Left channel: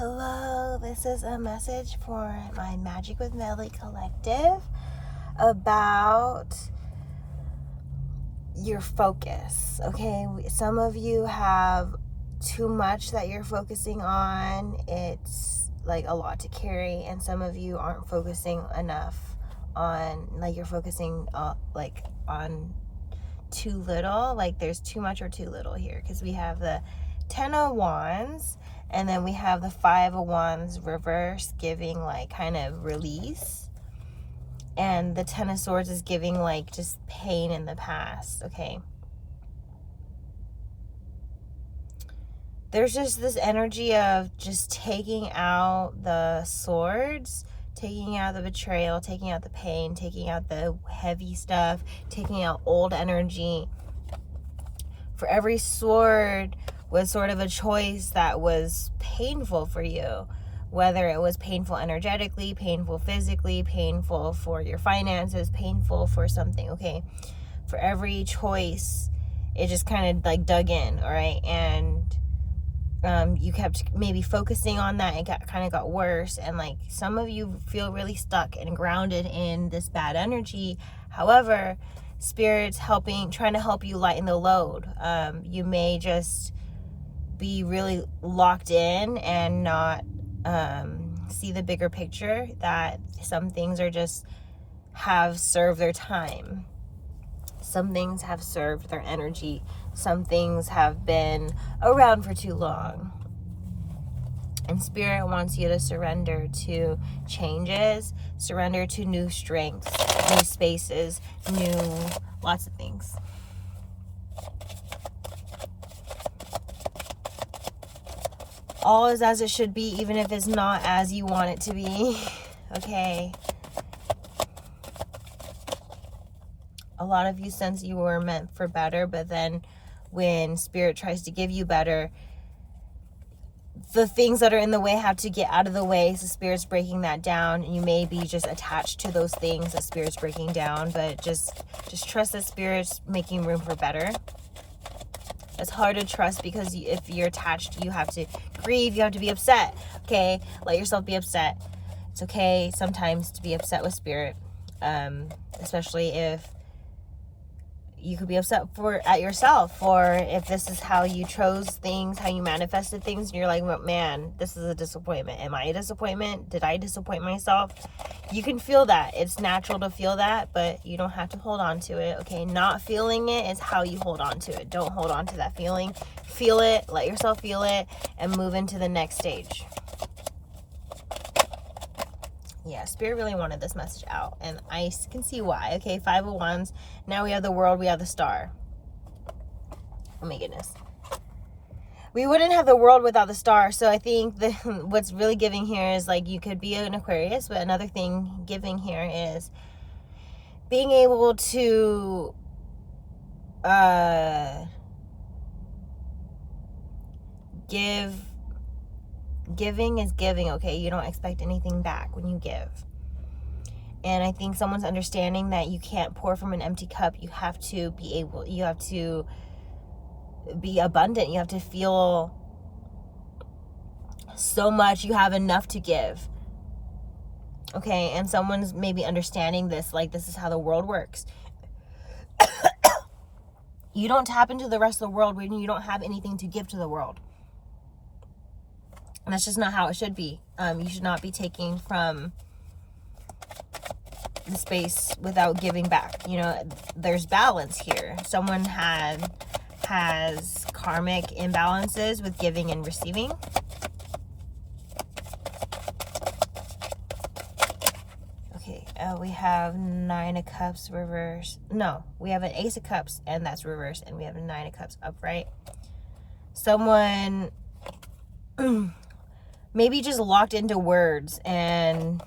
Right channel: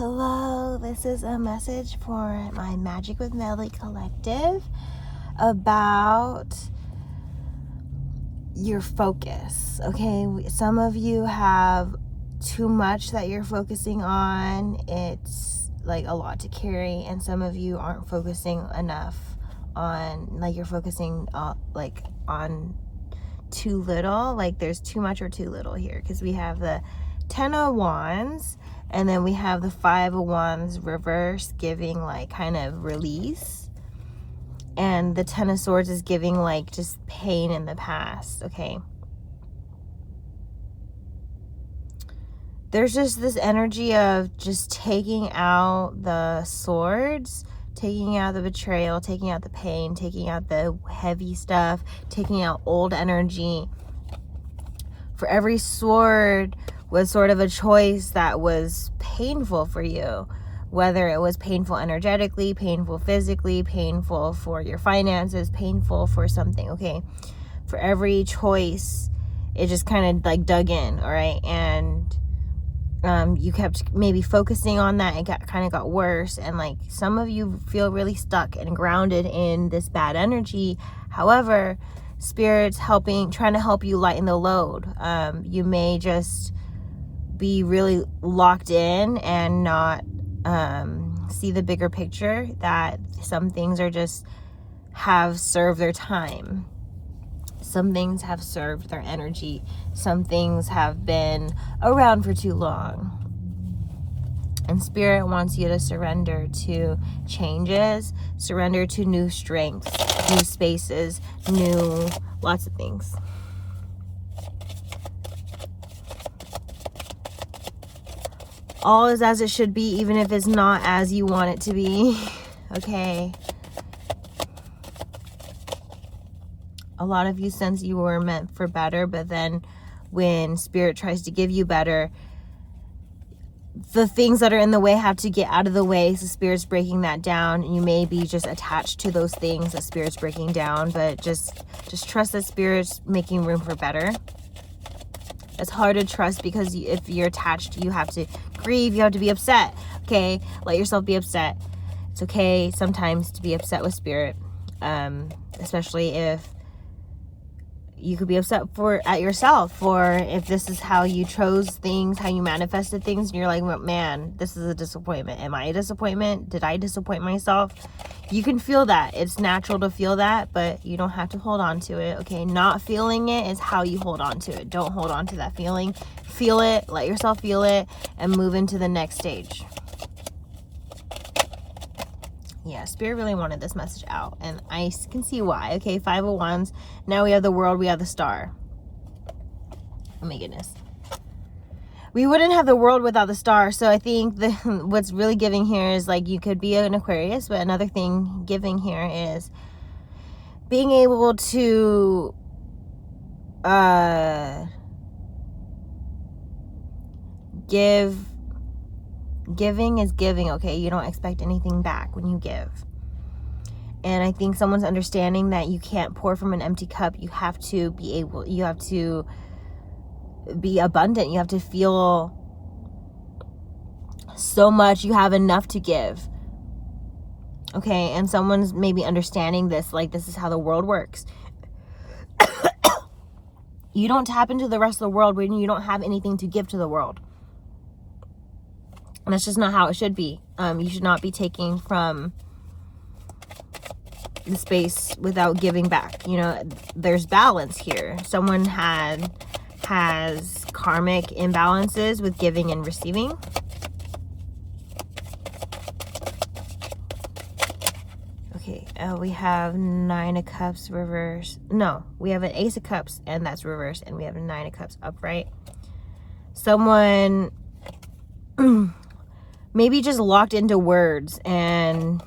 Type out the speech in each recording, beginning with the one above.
Hello, this is a message for my Magic with Melly collective about your focus. Okay, some of you have too much that you're focusing on. It's like a lot to carry, and some of you aren't focusing enough on, like, you're focusing like on too little. Like there's too much or too little here, because we have the 10 of Wands and then we have the 5 of Wands reverse, giving like kind of release, and the 10 of Swords is giving like just pain in the past. Okay, there's just this energy of just taking out the swords, taking out the betrayal, taking out the pain, taking out the heavy stuff, taking out old energy. For every sword was sort of a choice that was painful for you, whether it was painful energetically, painful physically, painful for your finances, painful for something. Okay, for every choice, it just kind of like dug in. All right, and you kept maybe focusing on that. It kind of got worse, and like some of you feel really stuck and grounded in this bad energy. However, Spirit's trying to help you lighten the load. You may just be really locked in and not see the bigger picture, that some things have served their time. Some things have served their energy. Some things have been around for too long. And Spirit wants you to surrender to changes, surrender to new strengths, new spaces, lots of things. All is as it should be, even if it's not as you want it to be. Okay. A lot of you sense you were meant for better, but then when Spirit tries to give you better, the things that are in the way have to get out of the way. So Spirit's breaking that down. You may be just attached to those things that Spirit's breaking down, but just trust that Spirit's making room for better. It's hard to trust because if you're attached, you have to grieve, you have to be upset. Okay, let yourself be upset. It's okay sometimes to be upset with Spirit, especially if you could be upset at yourself, for if this is how you chose things, how you manifested things, and you're like, man, this is a disappointment. Am I a disappointment? Did I disappoint myself? You can feel that. It's natural to feel that, but you don't have to hold on to it. Okay, not feeling it is how you hold on to it. Don't hold on to that feeling. Feel it, let yourself feel it, and move into the next stage. Yeah, Spirit really wanted this message out, and I can see why. Okay, 5 of Wands. Now we have the World, we have the Star. Oh my goodness. We wouldn't have the World without the Star, so I think what's really giving here is, like, you could be an Aquarius, but another thing giving here is being able to giving is giving. Okay, you don't expect anything back when you give. And I think someone's understanding that you can't pour from an empty cup. You have to be abundant. You have to feel so much you have enough to give. Okay, and someone's maybe understanding this, like, this is how the world works. You don't tap into the rest of the world when you don't have anything to give to the world. And that's just not how it should be. You should not be taking from the space without giving back. You know, there's balance here. Someone has karmic imbalances with giving and receiving. Okay, we have 9 of Cups reverse. No, we have an Ace of Cups, and that's reversed, and we have a 9 of Cups upright. Someone maybe just locked into words, and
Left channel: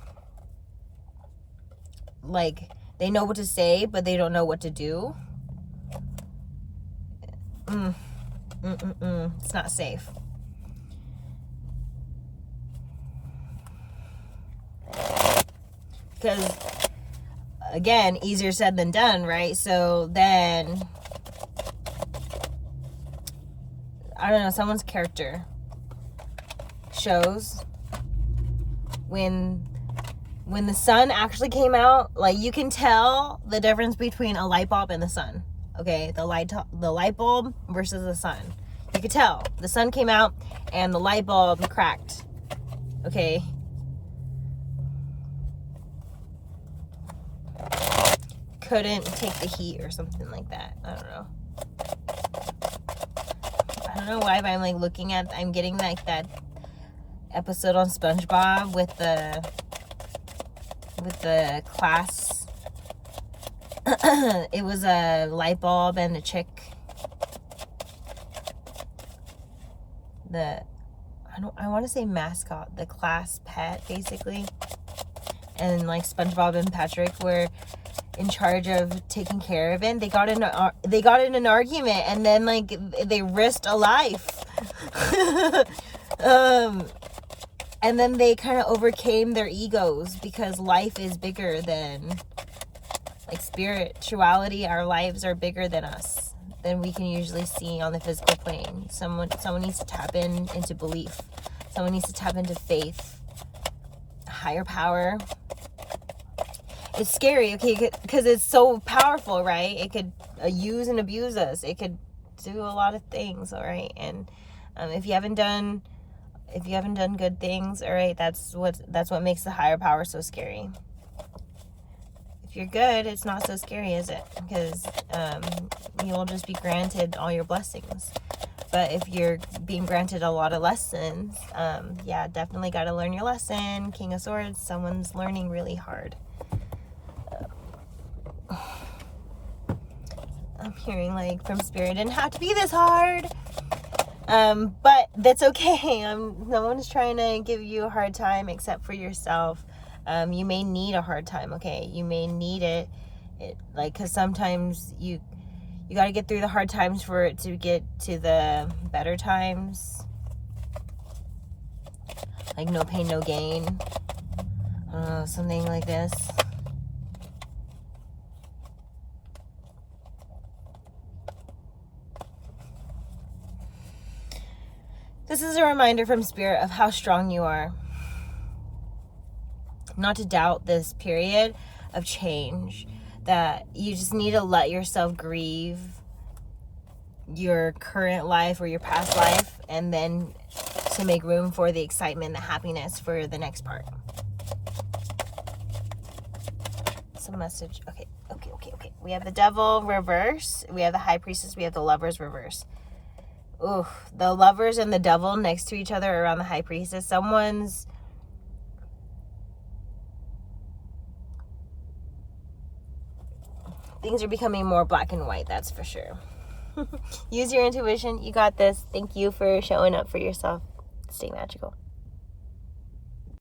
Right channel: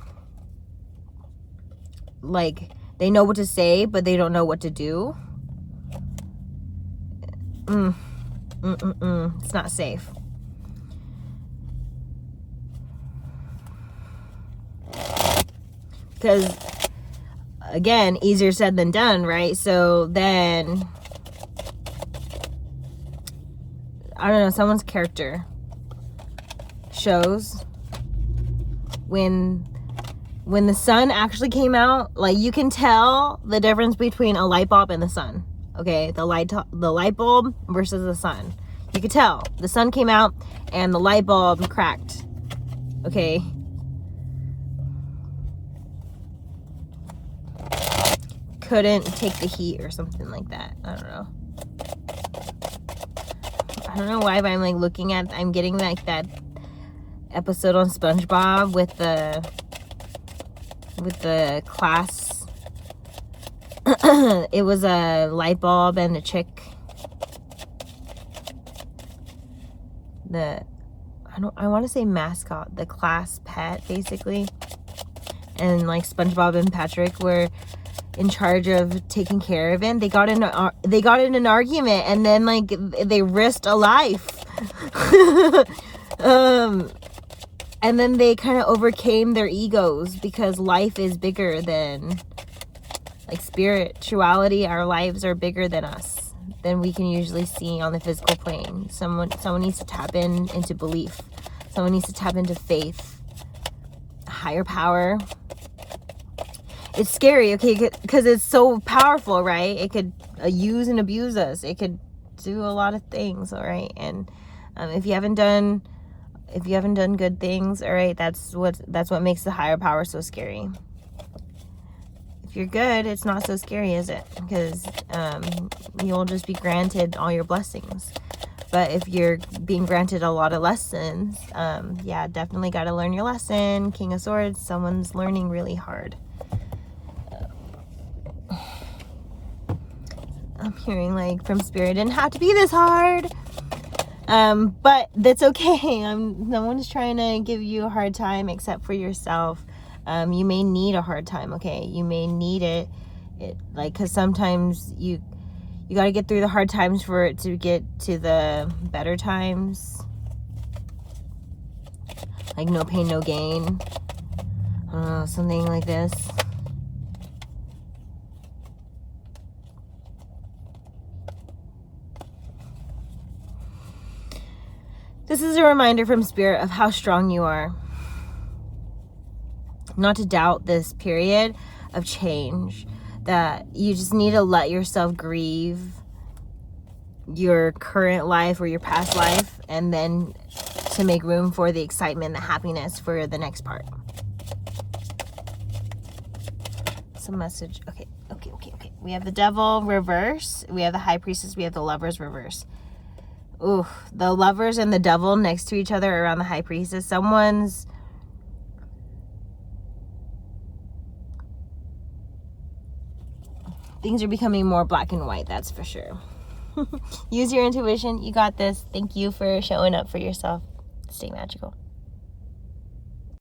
like they know what to say, but they don't know what to do. It's not safe. Because, again, easier said than done, right? So then, I don't know, someone's character shows when the sun actually came out, like, you can tell the difference between a light bulb and the sun. Okay, the light bulb versus the sun. You could tell the sun came out and the light bulb cracked. Okay. Couldn't take the heat or something like that. I don't know. I don't know why, but I'm like looking at, I'm getting like that episode on SpongeBob with the class. It was a light bulb and a chick. I want to say mascot, the class pet, basically. And like SpongeBob and Patrick were in charge of taking care of him. They got in an argument, and then like they risked a life. And then they kind of overcame their egos, because life is bigger than, like, spirituality. Our lives are bigger than us, than we can usually see on the physical plane. Someone needs to tap into belief. Someone needs to tap into faith, a higher power. It's scary, okay, because it's so powerful, right? It could use and abuse us. It could do a lot of things, all right? And if you haven't done good things, all right, that's what makes the higher power so scary. If you're good, it's not so scary, is it? Because you'll just be granted all your blessings. But if you're being granted a lot of lessons, yeah, definitely got to learn your lesson. King of Swords, someone's learning really hard. I'm hearing like from Spirit, it didn't have to be this hard. But that's okay. No one's trying to give you a hard time except for yourself. You may need a hard time, okay? You may need it like, because sometimes you got to get through the hard times for it to get to the better times. Like, no pain, no gain. I don't know, something like this. This is a reminder from Spirit of how strong you are. Not to doubt this period of change, that you just need to let yourself grieve your current life or your past life, and then to make room for the excitement, the happiness for the next part. Some message. Okay. We have the Devil reverse. We have the High Priestess. We have the Lovers reverse. Ooh, the Lovers and the Devil next to each other around the High Priestess. Things are becoming more black and white, that's for sure. Use your intuition. You got this. Thank you for showing up for yourself. Stay magical.